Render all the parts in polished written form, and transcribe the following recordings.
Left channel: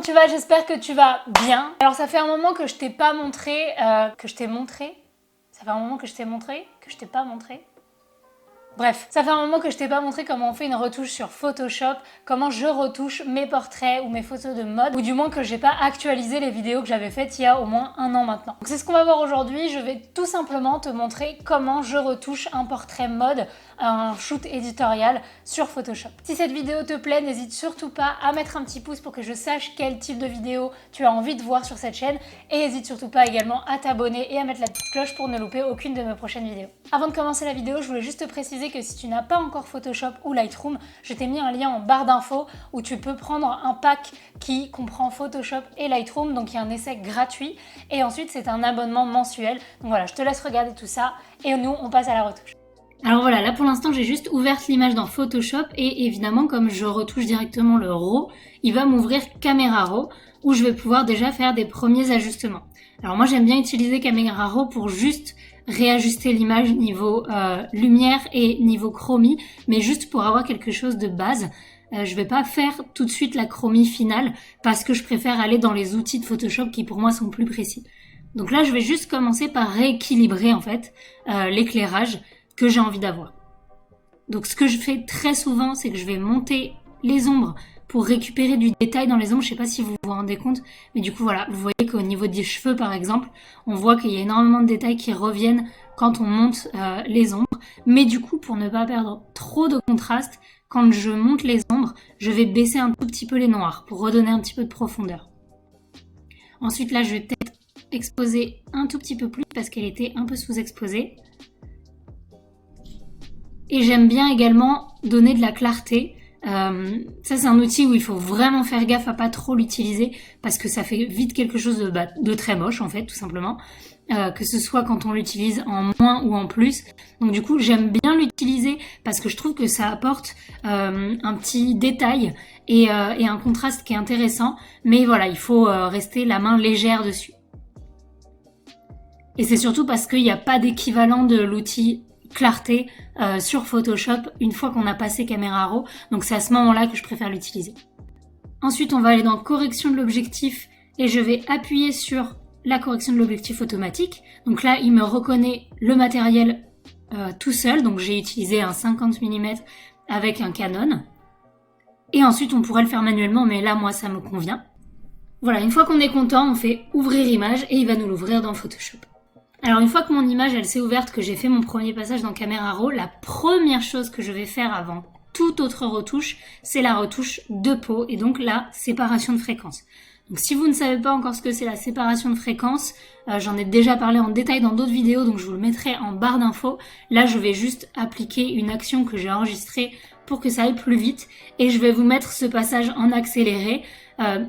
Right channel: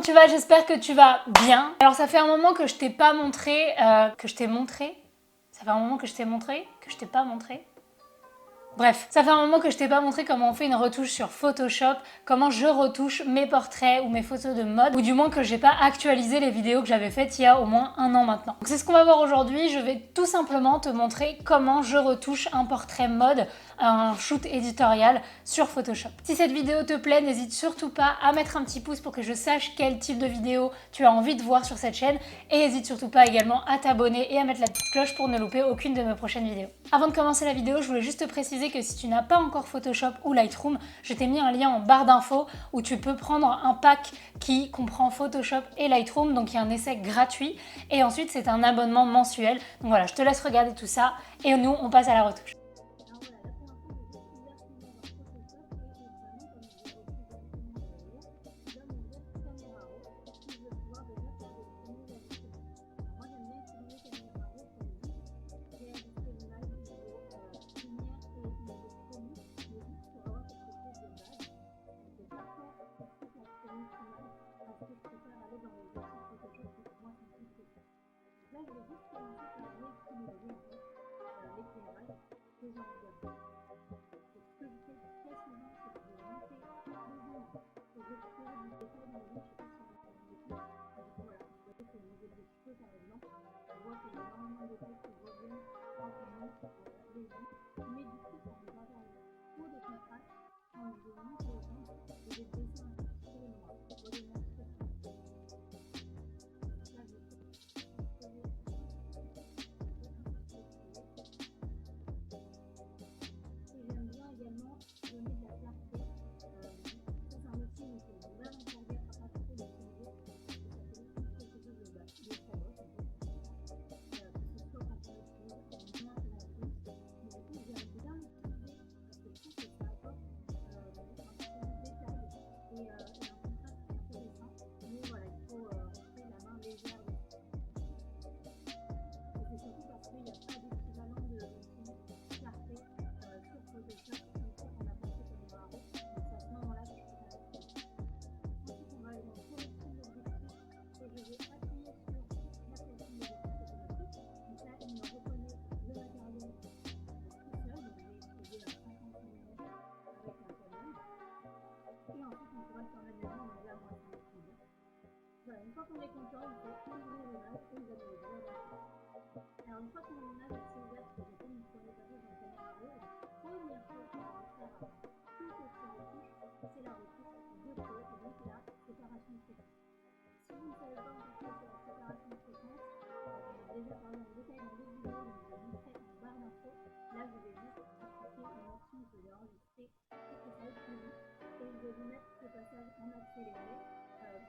comment tu vas? J'espère que tu vas bien. Alors ça fait un moment que je t'ai pas montré, Ça fait un moment que je t'ai montré, que je t'ai pas montré. Bref, ça fait un moment que je t'ai pas montré comment on fait une retouche sur Photoshop, comment je retouche mes portraits ou mes photos de mode, ou du moins que j'ai pas actualisé les vidéos que j'avais faites il y a au moins un an maintenant. Donc c'est ce qu'on va voir aujourd'hui, je vais tout simplement te montrer comment je retouche un portrait mode, un shoot éditorial sur Photoshop. Si cette vidéo te plaît, n'hésite surtout pas à mettre un petit pouce pour que je sache quel type de vidéo tu as envie de voir sur cette chaîne, et n'hésite surtout pas également à t'abonner et à mettre la petite cloche pour ne louper aucune de mes prochaines vidéos. Avant de commencer la vidéo, je voulais juste te préciser que si tu n'as pas encore Photoshop ou Lightroom, je t'ai mis un lien en barre d'infos où tu peux prendre un pack qui comprend Photoshop et Lightroom, donc il y a un essai gratuit et ensuite c'est un abonnement mensuel. Donc voilà, je te laisse regarder tout ça et nous on passe à la retouche. Alors voilà, là pour l'instant j'ai juste ouvert l'image dans Photoshop et évidemment comme je retouche directement le RAW, il va m'ouvrir Camera Raw où je vais pouvoir déjà faire des premiers ajustements. Alors moi j'aime bien utiliser Camera Raw pour juste réajuster l'image niveau lumière et niveau chromie, mais juste pour avoir quelque chose de base. Je vais pas faire tout de suite la chromie finale parce que je préfère aller dans les outils de Photoshop qui pour moi sont plus précis. Donc là je vais juste commencer par rééquilibrer en fait l'éclairage que j'ai envie d'avoir. Donc ce que je fais très souvent, c'est que je vais monter les ombres pour récupérer du détail dans les ombres. Je sais pas si vous vous rendez compte, mais du coup voilà, vous voyez qu'au niveau des cheveux par exemple, on voit qu'il y a énormément de détails qui reviennent quand on monte les ombres. Mais du coup, pour ne pas perdre trop de contraste, quand je monte les ombres, je vais baisser un tout petit peu les noirs pour redonner un petit peu de profondeur. Ensuite là, je vais peut-être exposer un tout petit peu plus parce qu'elle était un peu sous-exposée. Et j'aime bien également donner de la clarté. Ça c'est un outil où il faut vraiment faire gaffe à pas trop l'utiliser parce que ça fait vite quelque chose de très moche en fait tout simplement, que ce soit quand on l'utilise en moins ou en plus. Donc du coup j'aime bien l'utiliser parce que je trouve que ça apporte un petit détail et un contraste qui est intéressant, mais voilà, il faut rester la main légère dessus. Et c'est surtout parce qu'il n'y a pas d'équivalent de l'outil clarté sur Photoshop une fois qu'on a passé Camera Raw, donc c'est à ce moment là que je préfère l'utiliser. Ensuite on va aller dans correction de l'objectif et je vais appuyer sur la correction de l'objectif automatique. Donc là il me reconnaît le matériel tout seul, donc j'ai utilisé un 50 mm avec un Canon et ensuite on pourrait le faire manuellement, mais là moi ça me convient. Voilà, une fois qu'on est content, on fait ouvrir image et il va nous l'ouvrir dans Photoshop. Alors une fois que mon image elle s'est ouverte, que j'ai fait mon premier passage dans Camera Raw, la première chose que je vais faire avant toute autre retouche, c'est la retouche de peau et donc la séparation de fréquence. Donc si vous ne savez pas encore ce que c'est la séparation de fréquence, j'en ai déjà parlé en détail dans d'autres vidéos, donc je vous le mettrai en barre d'infos. Là je vais juste appliquer une action que j'ai enregistrée pour que ça aille plus vite et je vais vous mettre ce passage en accéléré.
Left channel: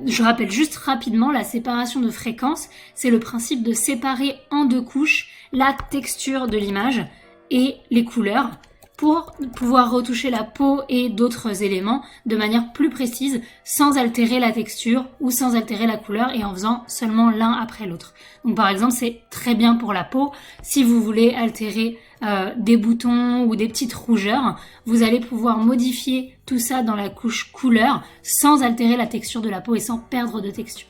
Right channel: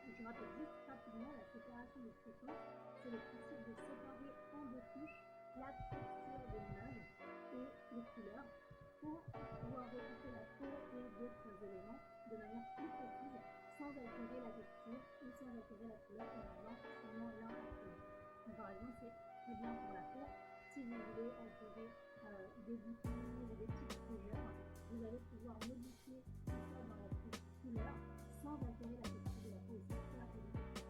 Je rappelle juste rapidement, la séparation de fréquence, c'est le principe de séparer en deux couches la texture de l'image et les couleurs pour pouvoir retoucher la peau et d'autres éléments de manière plus précise sans altérer la texture ou sans altérer la couleur et en faisant seulement l'un après l'autre. Donc par exemple, c'est très bien pour la peau. Si vous voulez altérer des boutons ou des petites rougeurs, vous allez pouvoir modifier tout ça dans la couche couleur sans altérer la texture de la peau et sans perdre de texture.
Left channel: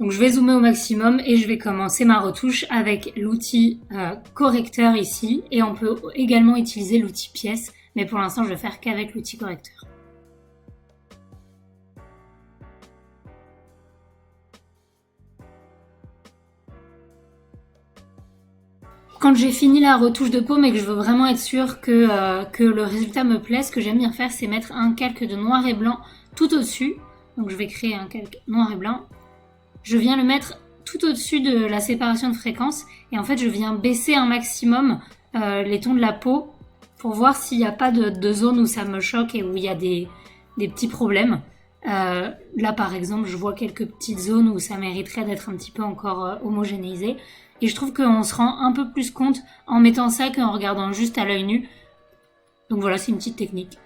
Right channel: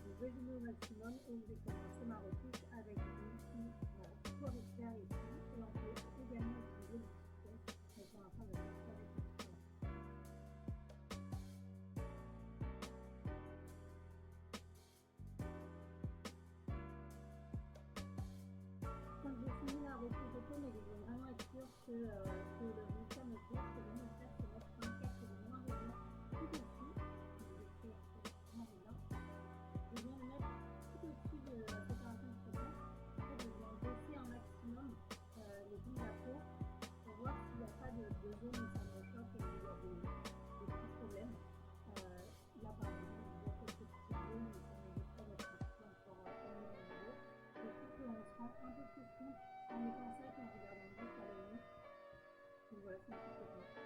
Donc je vais zoomer au maximum et je vais commencer ma retouche avec l'outil correcteur ici, et on peut également utiliser l'outil pièce, mais pour l'instant je vais faire qu'avec l'outil correcteur. Quand j'ai fini la retouche de peau mais que je veux vraiment être sûre que le résultat me plaise, ce que j'aime bien faire c'est mettre un calque de noir et blanc tout au-dessus. Donc je vais créer un calque noir et blanc. Je viens le mettre tout au-dessus de la séparation de fréquence et en fait je viens baisser un maximum les tons de la peau pour voir s'il n'y a pas de zone où ça me choque et où il y a des petits problèmes. Là par exemple je vois quelques petites zones où ça mériterait d'être un petit peu encore homogénéisé. Et je trouve qu'on se rend un peu plus compte en mettant ça qu'en regardant juste à l'œil nu. Donc voilà, c'est une petite technique.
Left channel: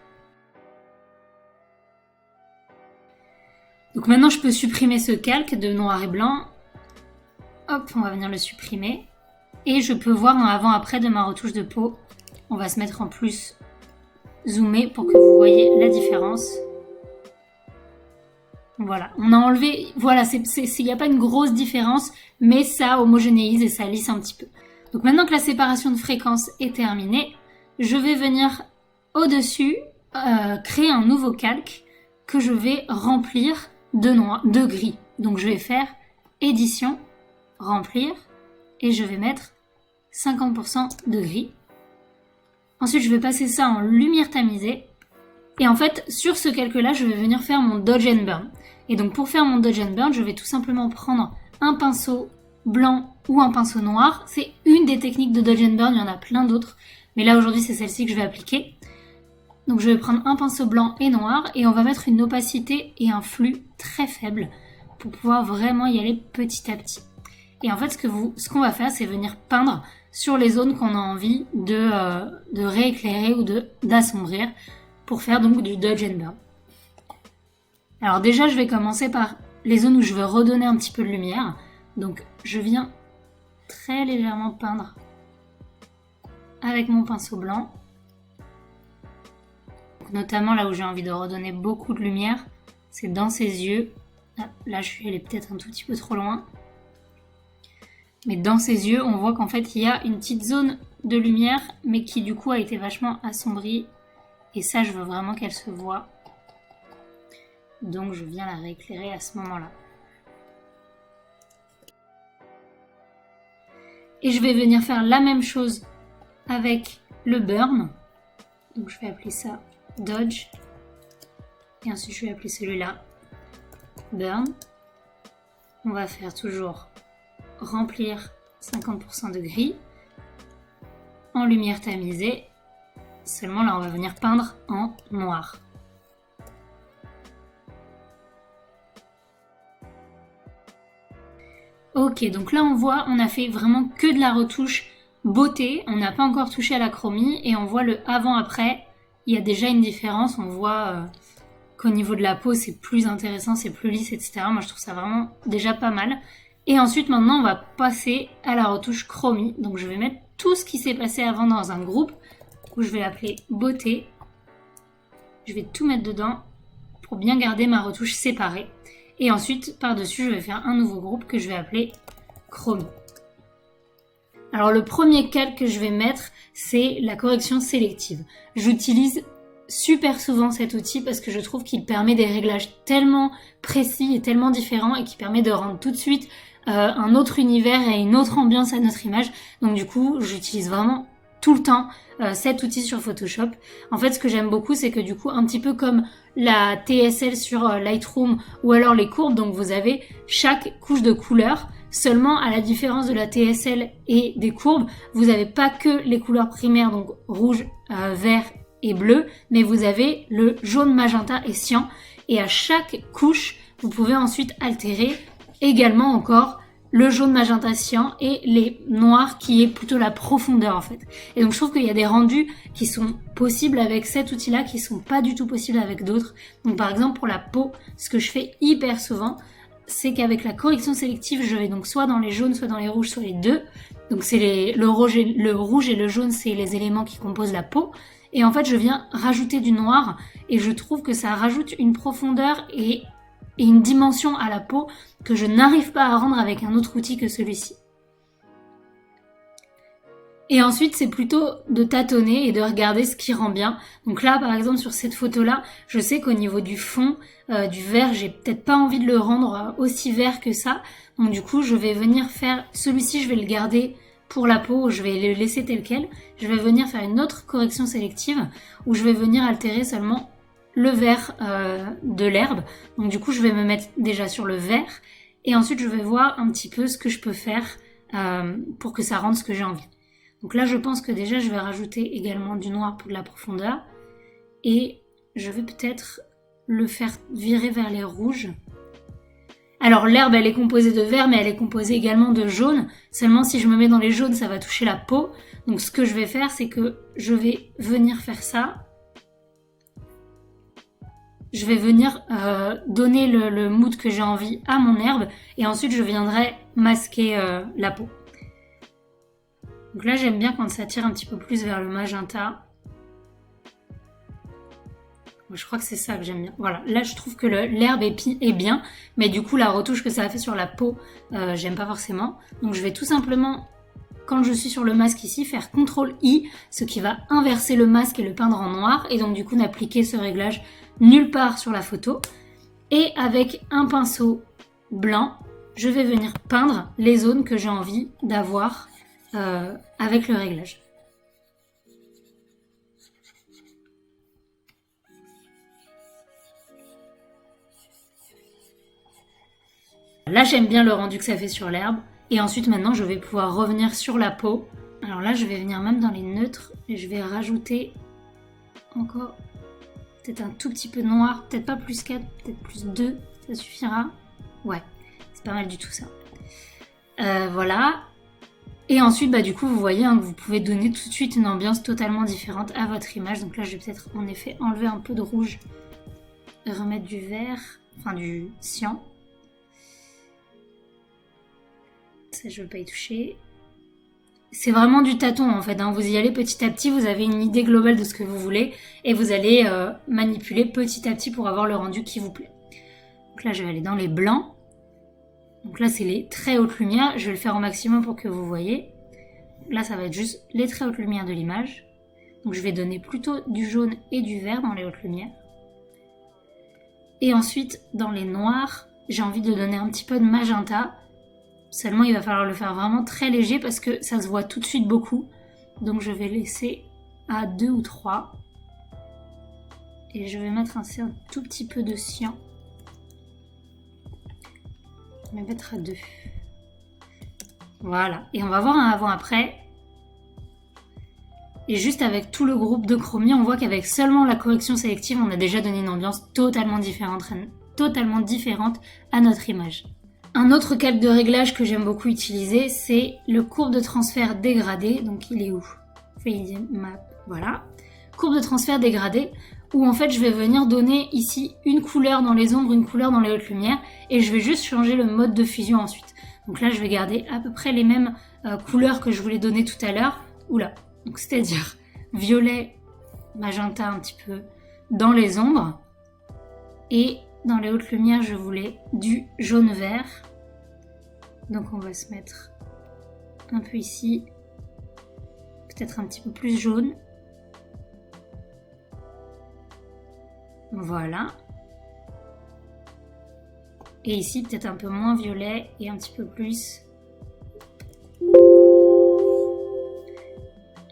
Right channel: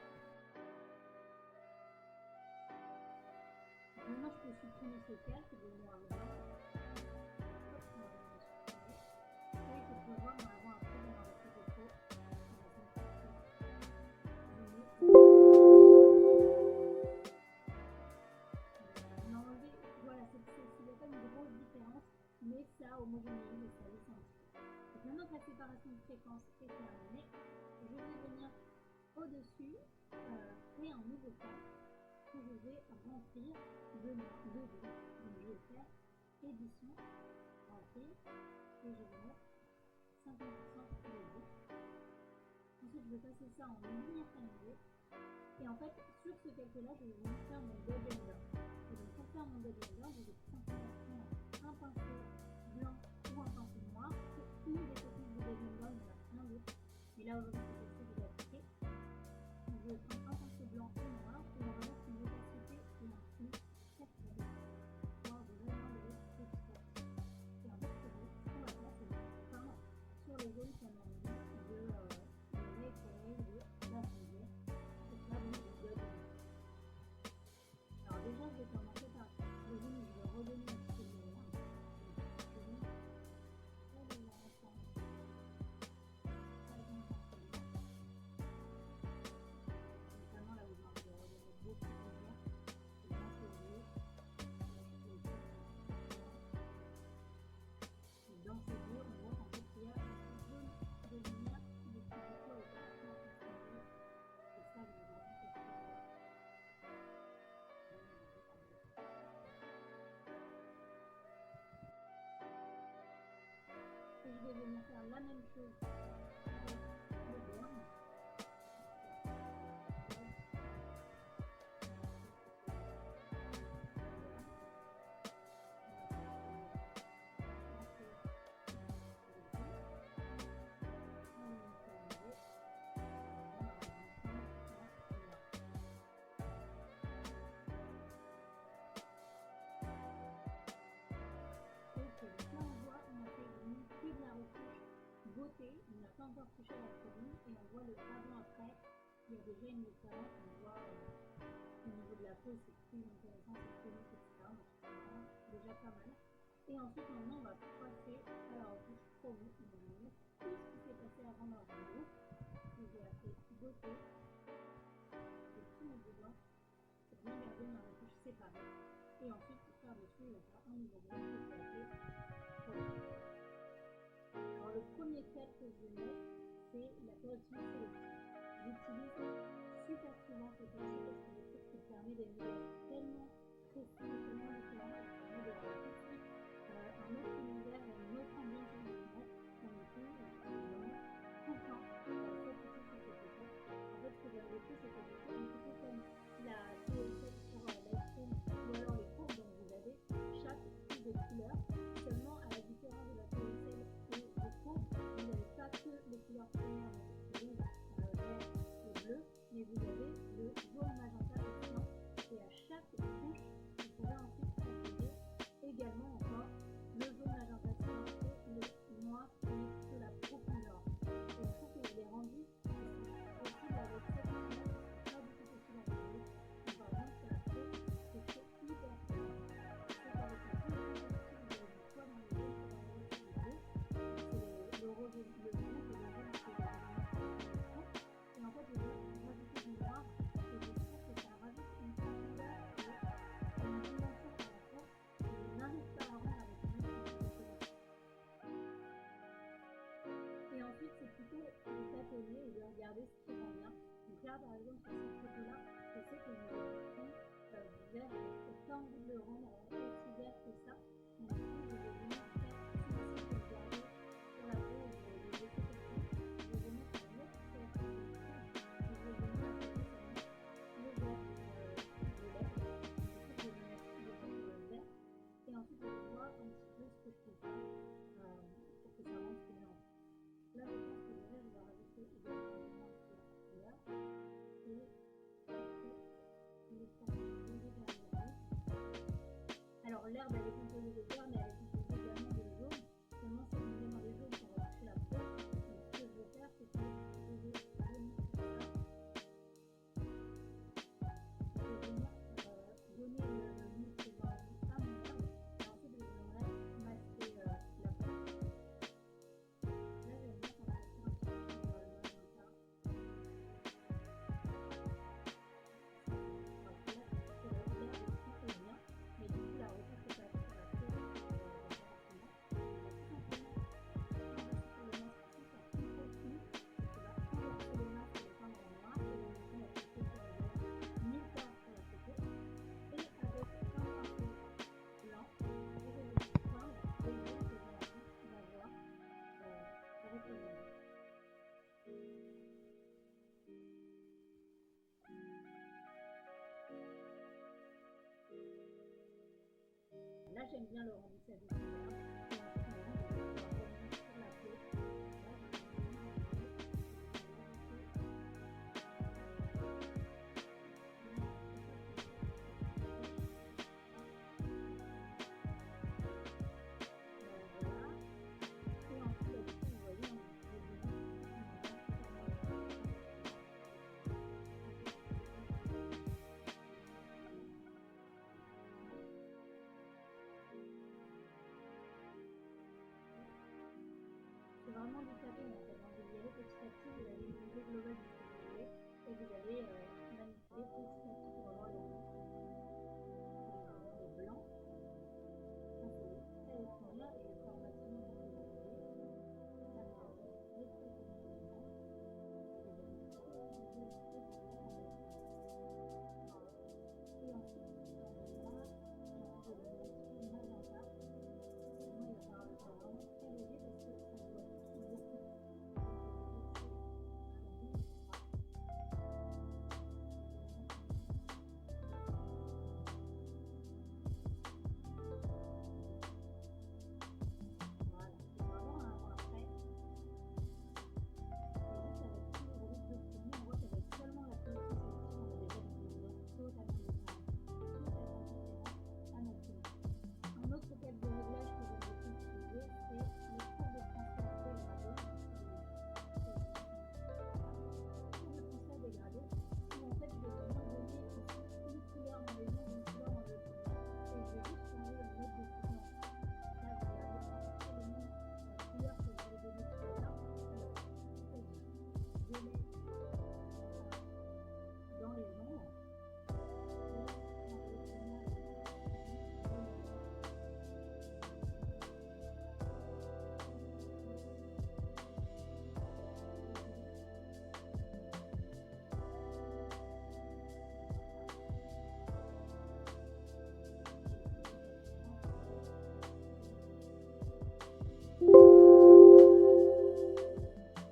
Donc maintenant, je peux supprimer ce calque de noir et blanc. Hop, on va venir le supprimer. Et je peux voir un avant-après de ma retouche de peau. On va se mettre en plus zoomé pour que vous voyez la différence. Voilà, on a enlevé, voilà, il n'y a pas une grosse différence, mais ça homogénéise et ça lisse un petit peu. Donc maintenant que la séparation de fréquences est terminée, je vais venir au-dessus créer un nouveau calque que je vais remplir de gris. Donc je vais faire édition, remplir, et je vais mettre 50% de gris. Ensuite, je vais passer ça en lumière tamisée. Et en fait, sur ce calque-là, je vais venir faire mon Dodge and Burn. Et donc pour faire mon Dodge and Burn, je vais tout simplement prendre un pinceau blanc ou un pinceau noir. C'est une des techniques de Dodge and Burn, il y en a plein d'autres. Mais là, aujourd'hui, c'est celle-ci que je vais appliquer. Donc je vais prendre un pinceau blanc et noir et on va mettre une opacité et un flux très faible pour pouvoir vraiment y aller petit à petit. Et en fait, ce qu'on va faire, c'est venir peindre sur les zones qu'on a envie de rééclairer ou d'assombrir pour faire donc du Dodge and Burn. Alors déjà, je vais commencer par les zones où je veux redonner un petit peu de lumière. Donc je viens très légèrement peindre avec mon pinceau blanc. Notamment là où j'ai envie de redonner beaucoup de lumière, c'est dans ses yeux. Là, je suis allée peut-être un tout petit peu trop loin. Mais dans ses yeux, on voit qu'en fait, il y a une petite zone de lumière, mais qui du coup a été vachement assombrie. Et ça, je veux vraiment qu'elle se voie. Donc, je viens la rééclairer à ce moment-là. Et je vais venir faire la même chose avec le burn. Donc, je vais appeler ça Dodge. Et ensuite, je vais appeler celui-là Burn. On va faire toujours remplir 50% de gris en lumière tamisée. Seulement là, on va venir peindre en noir. Ok, donc là on voit, on a fait vraiment que de la retouche beauté. On n'a pas encore touché à la chromie et on voit le avant-après. Il y a déjà une différence. On voit qu'au niveau de la peau, c'est plus intéressant, c'est plus lisse, etc. Moi, je trouve ça vraiment déjà pas mal. Et ensuite, maintenant, on va passer à la retouche chromie. Donc, je vais mettre tout ce qui s'est passé avant dans un groupe où je vais l'appeler beauté. Je vais tout mettre dedans pour bien garder ma retouche séparée. Et ensuite, par-dessus, je vais faire un nouveau groupe que je vais appeler chromie. Alors, le premier calque que je vais mettre, c'est la correction sélective. J'utilise super souvent cet outil parce que je trouve qu'il permet des réglages tellement précis et tellement différents et qui permet de rendre tout de suite un autre univers et une autre ambiance à notre image. Donc du coup, j'utilise vraiment tout le temps cet outil sur Photoshop. En fait, ce que j'aime beaucoup, c'est que du coup, un petit peu comme la TSL sur Lightroom ou alors les courbes, donc vous avez chaque couche de couleur. Seulement, à la différence de la TSL et des courbes, vous n'avez pas que les couleurs primaires, donc rouge, vert et bleu, mais vous avez le jaune, magenta et cyan. Et à chaque couche, vous pouvez ensuite altérer également encore le jaune, magenta, cyan et les noirs qui est plutôt la profondeur en fait. Et donc je trouve qu'il y a des rendus qui sont possibles avec cet outil-là qui sont pas du tout possibles avec d'autres. Donc par exemple pour la peau, ce que je fais hyper souvent, c'est qu'avec la correction sélective, je vais donc soit dans les jaunes, soit dans les rouges, soit les deux. Donc c'est le rouge et le jaune, c'est les éléments qui composent la peau. Et en fait, je viens rajouter du noir et je trouve que ça rajoute une profondeur et une dimension à la peau que je n'arrive pas à rendre avec un autre outil que celui-ci. Et ensuite, c'est plutôt de tâtonner et de regarder ce qui rend bien. Donc là, par exemple, sur cette photo-là, je sais qu'au niveau du fond, du vert, j'ai peut-être pas envie de le rendre aussi vert que ça. Donc du coup, je vais venir faire... Celui-ci, je vais le garder pour la peau, je vais le laisser tel quel. Je vais venir faire une autre correction sélective où je vais venir altérer seulement le vert de l'herbe. Donc du coup, je vais me mettre déjà sur le vert et ensuite, je vais voir un petit peu ce que je peux faire pour que ça rende ce que j'ai envie. Donc là, je pense que déjà, je vais rajouter également du noir pour de la profondeur et je vais peut-être le faire virer vers les rouges. Alors l'herbe, elle est composée de vert, mais elle est composée également de jaune. Seulement, si je me mets dans les jaunes, ça va toucher la peau. Donc ce que je vais faire, c'est que je vais venir faire ça. Je vais venir donner le mood que j'ai envie à mon herbe et ensuite je viendrai masquer la peau. Donc là, j'aime bien quand ça tire un petit peu plus vers le magenta. Je crois que c'est ça que j'aime bien. Voilà, là je trouve que l'herbe est bien, mais du coup la retouche que ça a fait sur la peau, j'aime pas forcément. Donc je vais tout simplement, quand je suis sur le masque ici, faire CTRL-I, ce qui va inverser le masque et le peindre en noir, et donc du coup n'appliquer ce réglage nulle part sur la photo. Et avec un pinceau blanc, je vais venir peindre les zones que j'ai envie d'avoir avec le réglage. Là, j'aime bien le rendu que ça fait sur l'herbe. Et ensuite, maintenant, je vais pouvoir revenir sur la peau. Alors là, je vais venir même dans les neutres et je vais rajouter encore peut-être un tout petit peu de noir. Peut-être pas plus 4, peut-être plus 2, ça suffira. Ouais, c'est pas mal du tout ça. Voilà. Et ensuite, du coup, vous voyez que vous pouvez donner tout de suite une ambiance totalement différente à votre image. Donc là, je vais peut-être en effet enlever un peu de rouge et remettre du vert, enfin du cyan. Ça, je ne veux pas y toucher. C'est vraiment du tâton en fait, vous y allez petit à petit, vous avez une idée globale de ce que vous voulez et vous allez manipuler petit à petit pour avoir le rendu qui vous plaît. Donc là, je vais aller dans les blancs. Donc là, c'est les très hautes lumières. Je vais le faire au maximum pour que vous voyez. Là, ça va être juste les très hautes lumières de l'image. Donc je vais donner plutôt du jaune et du vert dans les hautes lumières. Et ensuite, dans les noirs, j'ai envie de donner un petit peu de magenta. Seulement, il va falloir le faire vraiment très léger parce que ça se voit tout de suite beaucoup. Donc je vais laisser à 2 ou 3. Et je vais mettre un tout petit peu de cyan. Je vais mettre à 2. Voilà. Et on va voir un avant-après. Et juste avec tout le groupe de chromie, on voit qu'avec seulement la correction sélective, on a déjà donné une ambiance totalement différente à notre image. Un autre calque de réglage que j'aime beaucoup utiliser, c'est le courbe de transfert dégradé. Donc il est où? Voilà. Courbe de transfert dégradé, où en fait je vais venir donner ici une couleur dans les ombres, une couleur dans les hautes lumières, et je vais juste changer le mode de fusion ensuite. Donc là je vais garder à peu près les mêmes couleurs que je voulais donner tout à l'heure. Oula, donc c'est-à-dire violet, magenta un petit peu dans les ombres, et dans les hautes lumières, je voulais du jaune-vert. Donc on va se mettre un peu ici. Peut-être un petit peu plus jaune. Voilà. Et ici, peut-être un peu moins violet et un petit peu plus...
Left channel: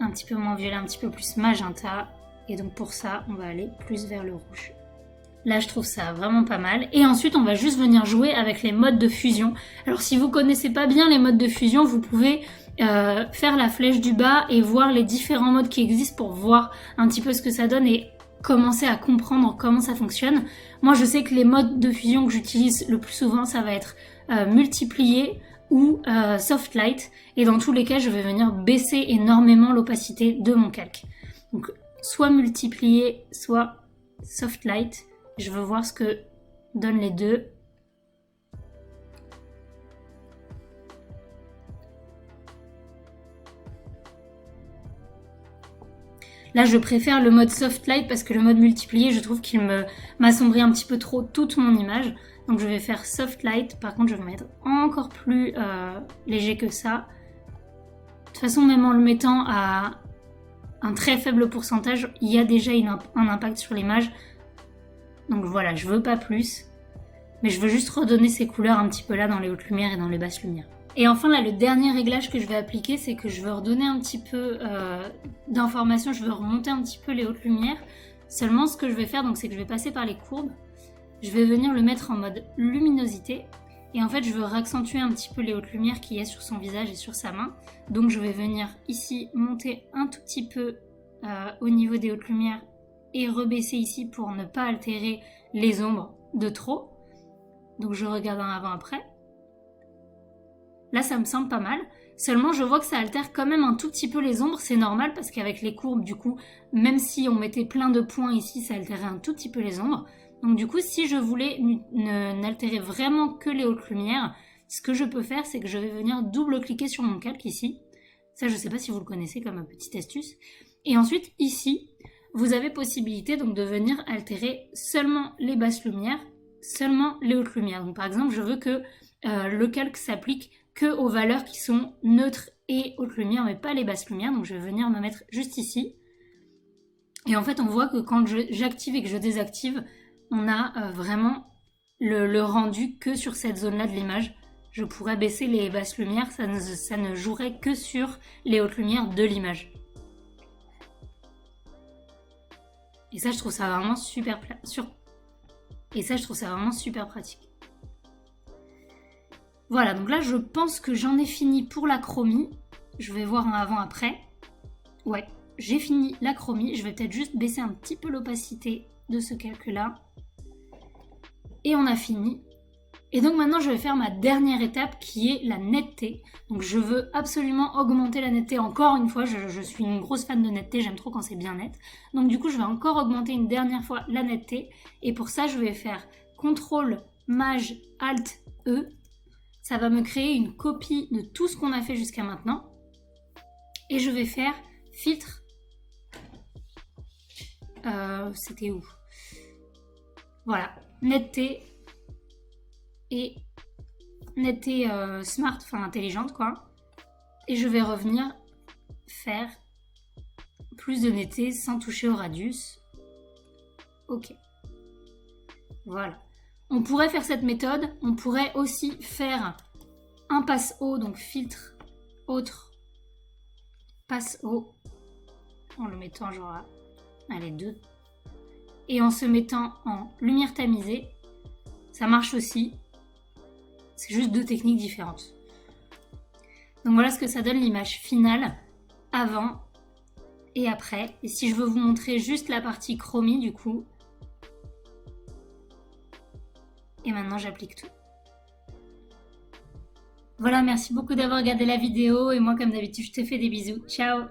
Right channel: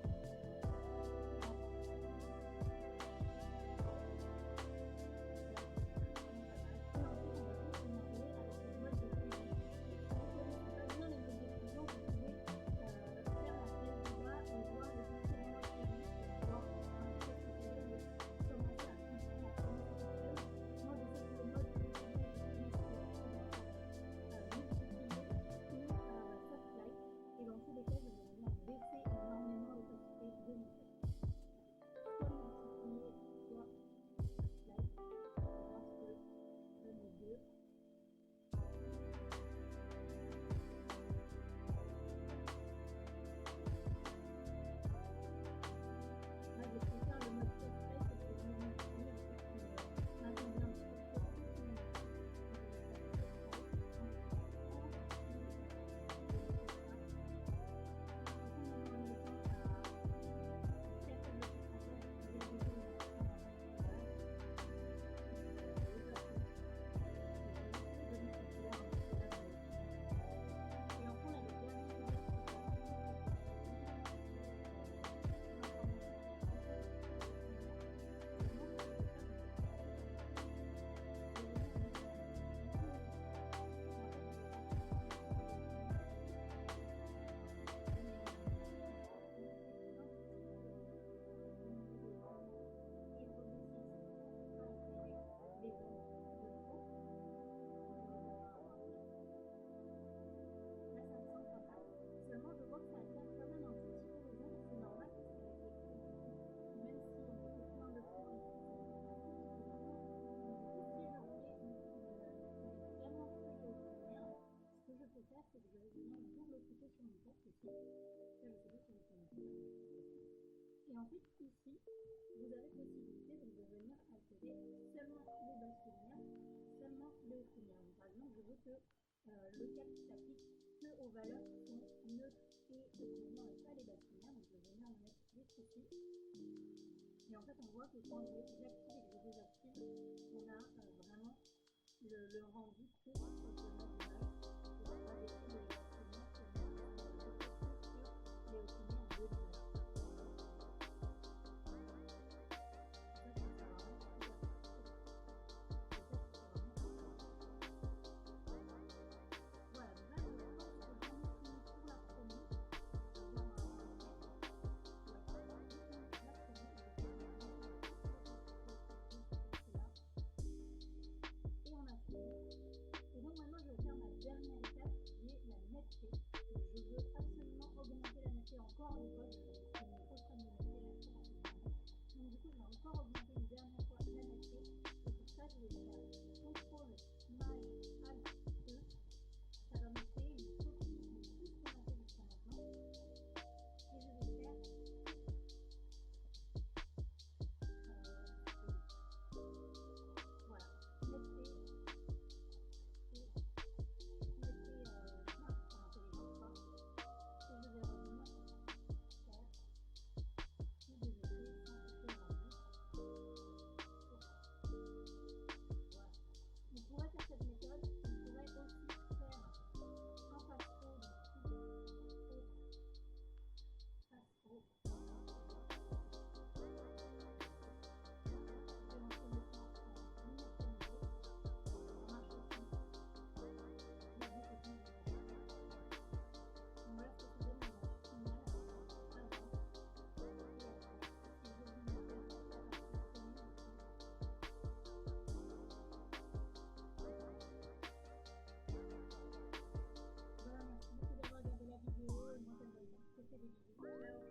Un petit peu moins violet, un petit peu plus magenta. Et donc pour ça, on va aller plus vers le rouge. Là, je trouve ça vraiment pas mal. Et ensuite, on va juste venir jouer avec les modes de fusion. Alors, si vous connaissez pas bien les modes de fusion, vous pouvez faire la flèche du bas et voir les différents modes qui existent pour voir un petit peu ce que ça donne et commencer à comprendre comment ça fonctionne. Moi, je sais que les modes de fusion que j'utilise le plus souvent, ça va être multiplier ou soft light. Et dans tous les cas, je vais venir baisser énormément l'opacité de mon calque. Donc, soit multiplier, soit soft light. Je veux voir ce que donnent les deux. Là, je préfère le mode soft light parce que le mode multiplié, je trouve qu'il m'assombrit un petit peu trop toute mon image. Donc je vais faire soft light. Par contre, je vais mettre encore plus léger que ça. De toute façon, même en le mettant à un très faible pourcentage, il y a déjà un impact sur l'image. Donc voilà, je veux pas plus, mais je veux juste redonner ces couleurs un petit peu là dans les hautes lumières et dans les basses lumières. Et enfin là, le dernier réglage que je vais appliquer, c'est que je veux redonner un petit peu d'informations, je veux remonter un petit peu les hautes lumières. Seulement ce que je vais faire, donc, c'est que je vais passer par les courbes, je vais venir le mettre en mode luminosité, et en fait je veux réaccentuer un petit peu les hautes lumières qu'il y a sur son visage et sur sa main. Donc je vais venir ici monter un tout petit peu au niveau des hautes lumières, et rebaisser ici pour ne pas altérer les ombres de trop. Donc je regarde un avant-après. Là ça me semble pas mal. Seulement je vois que ça altère quand même un tout petit peu les ombres. C'est normal parce qu'avec les courbes du coup, même si on mettait plein de points ici, ça altérait un tout petit peu les ombres. Donc du coup si je voulais n'altérer vraiment que les hautes lumières, ce que je peux faire c'est que je vais venir double-cliquer sur mon calque ici. Ça je sais pas si vous le connaissez comme petite astuce. Et ensuite ici, vous avez possibilité donc de venir altérer seulement les basses lumières, seulement les hautes lumières. Donc par exemple, je veux que le calque s'applique que aux valeurs qui sont neutres et hautes lumières, mais pas les basses lumières. Donc je vais venir me mettre juste ici. Et en fait, on voit que quand j'active et que je désactive, on a vraiment le rendu que sur cette zone-là de l'image. Je pourrais baisser les basses lumières, ça ne jouerait que sur les hautes lumières de l'image. Et ça, je trouve ça vraiment super pratique. Voilà, donc là, je pense que j'en ai fini pour la chromie. Je vais voir en avant-après. Ouais, j'ai fini la chromie. Je vais peut-être juste baisser un petit peu l'opacité de ce calque-là. Et on a fini. Et donc maintenant, je vais faire ma dernière étape qui est la netteté. Donc je veux absolument augmenter la netteté encore une fois. Je suis une grosse fan de netteté, j'aime trop quand c'est bien net. Donc du coup, je vais encore augmenter une dernière fois la netteté. Et pour ça, je vais faire CTRL, MAJ, ALT, E. Ça va me créer une copie de tout ce qu'on a fait jusqu'à maintenant. Et je vais faire filtre. C'était où? Voilà, netteté. Et netteté smart, enfin intelligente quoi. Et je vais revenir faire plus de netteté sans toucher au radius. Ok. Voilà. On pourrait faire cette méthode. On pourrait aussi faire un passe haut, donc filtre, autre, passe haut. En le mettant genre, allez, 2. Et en se mettant en lumière tamisée. Ça marche aussi. C'est juste 2 techniques différentes. Donc voilà ce que ça donne l'image finale avant et après. Et si je veux vous montrer juste la partie chromie du coup. Et maintenant j'applique tout. Voilà, merci beaucoup d'avoir regardé la vidéo et moi comme d'habitude je te fais des bisous. Ciao!